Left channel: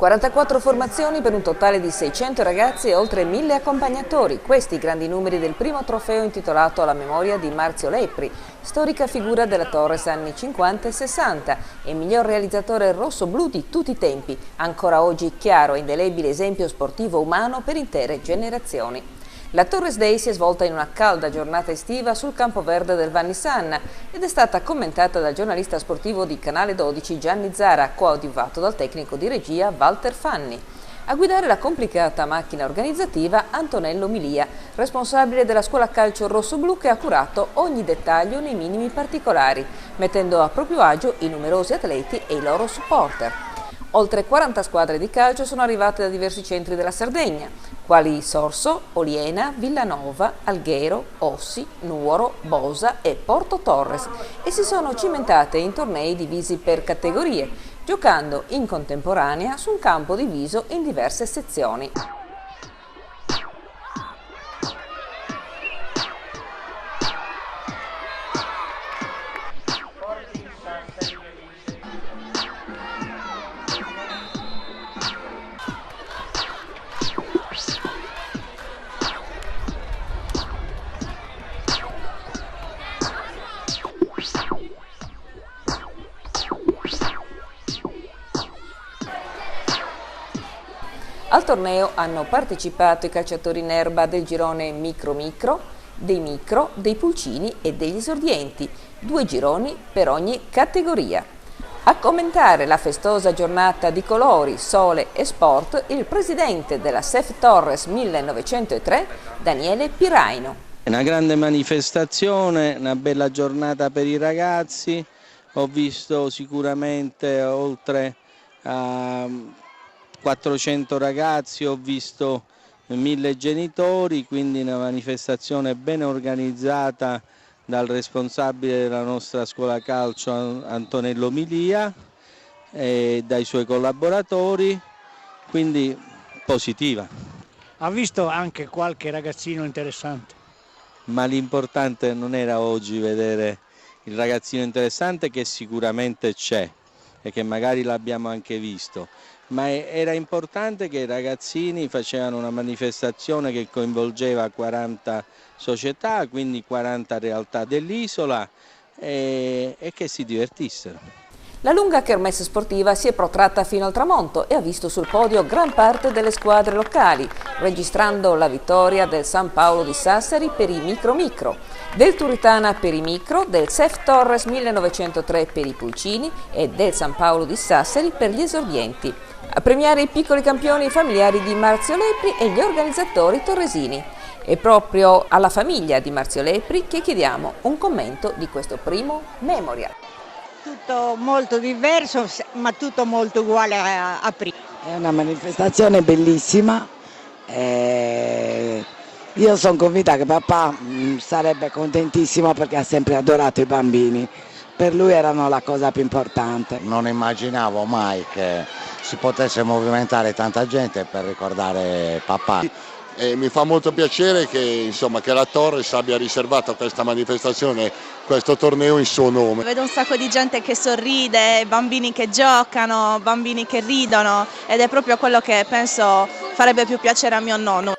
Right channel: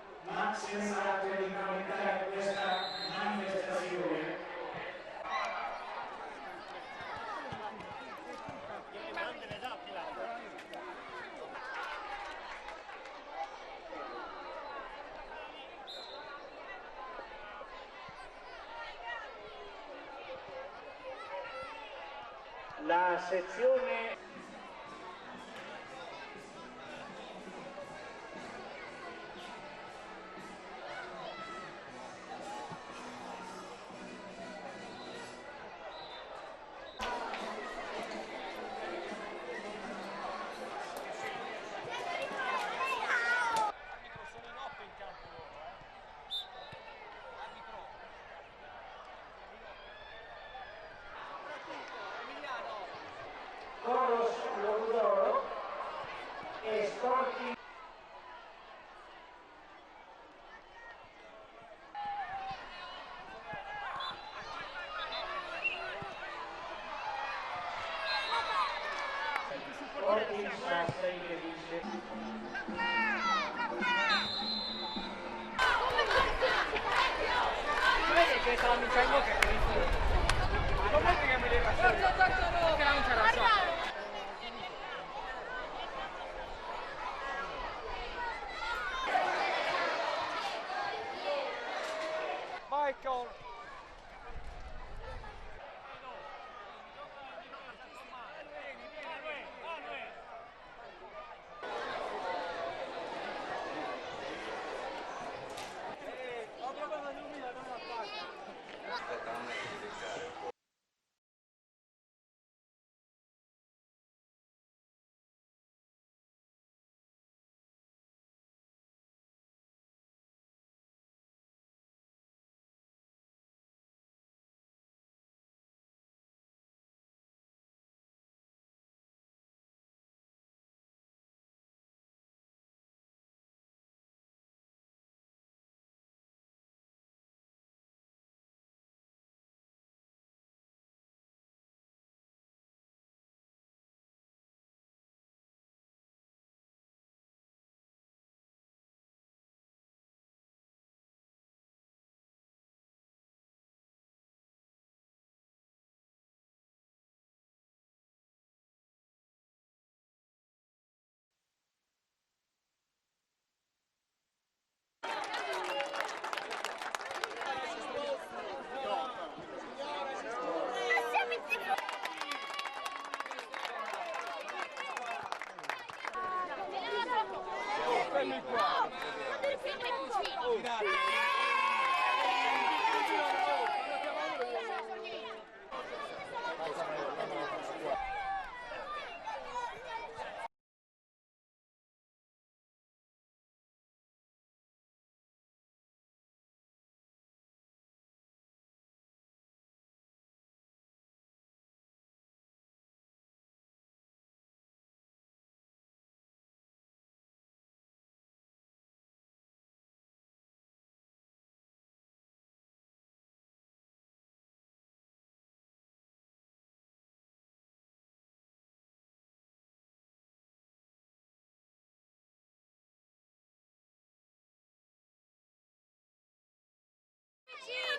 44 formazioni per un totale di 600 ragazzi e oltre 1000 accompagnatori. Questi i grandi numeri del primo trofeo intitolato alla memoria di Marzio Lepri, storica figura della Torres anni 50 e 60 e miglior realizzatore rosso-blu di tutti i tempi, ancora oggi chiaro e indelebile esempio sportivo umano per intere generazioni. La Torres Day si è svolta in una calda giornata estiva sul campo verde del Vanni Sanna ed è stata commentata dal giornalista sportivo di Canale 12 Gianni Zara, coadiuvato dal tecnico di regia Walter Fanni. A guidare la complicata macchina organizzativa Antonello Milia, responsabile della scuola calcio rosso-blu che ha curato ogni dettaglio nei minimi particolari, mettendo a proprio agio i numerosi atleti e i loro supporter. Oltre 40 squadre di calcio sono arrivate da diversi centri della Sardegna, quali Sorso, Oliena, Villanova, Alghero, Ossi, Nuoro, Bosa e Porto Torres, e si sono cimentate in tornei divisi per categorie, giocando in contemporanea su un campo diviso in diverse sezioni. Al torneo hanno partecipato i calciatori in erba del girone micro-micro, dei pulcini e degli esordienti, 2 gironi per ogni categoria. A commentare la festosa giornata di colori, sole e sport il presidente della SEF Torres 1903, Daniele Piraino. Una grande manifestazione, una bella giornata per i ragazzi, ho visto sicuramente oltre a 400 ragazzi, ho visto 1000 genitori, quindi una manifestazione ben organizzata dal responsabile della nostra scuola calcio Antonello Milia e dai suoi collaboratori, quindi positiva. Ha visto anche qualche ragazzino interessante? Ma l'importante non era oggi vedere il ragazzino interessante, che sicuramente c'è e che magari l'abbiamo anche visto, ma era importante che i ragazzini facevano una manifestazione che coinvolgeva 40 società, quindi 40 realtà dell'isola, e che si divertissero. La lunga kermesse sportiva si è protratta fino al tramonto e ha visto sul podio gran parte delle squadre locali, registrando la vittoria del San Paolo di Sassari per i micro-micro, del Turitana per i micro, del SEF Torres 1903 per i pulcini e del San Paolo di Sassari per gli esordienti. A premiare i piccoli campioni familiari di Marzio Lepri e gli organizzatori torresini. È proprio alla famiglia di Marzio Lepri che chiediamo un commento di questo primo Memorial. Tutto molto diverso, ma tutto molto uguale a prima. È una manifestazione bellissima. Io sono convinta che papà sarebbe contentissimo perché ha sempre adorato i bambini. Per lui erano la cosa più importante. Non immaginavo mai che si potesse movimentare tanta gente per ricordare papà. Mi fa molto piacere che la Torres abbia riservato questa manifestazione, questo torneo in suo nome. Vedo un sacco di gente che sorride, bambini che giocano, bambini che ridono, ed è proprio quello che penso farebbe più piacere a mio nonno.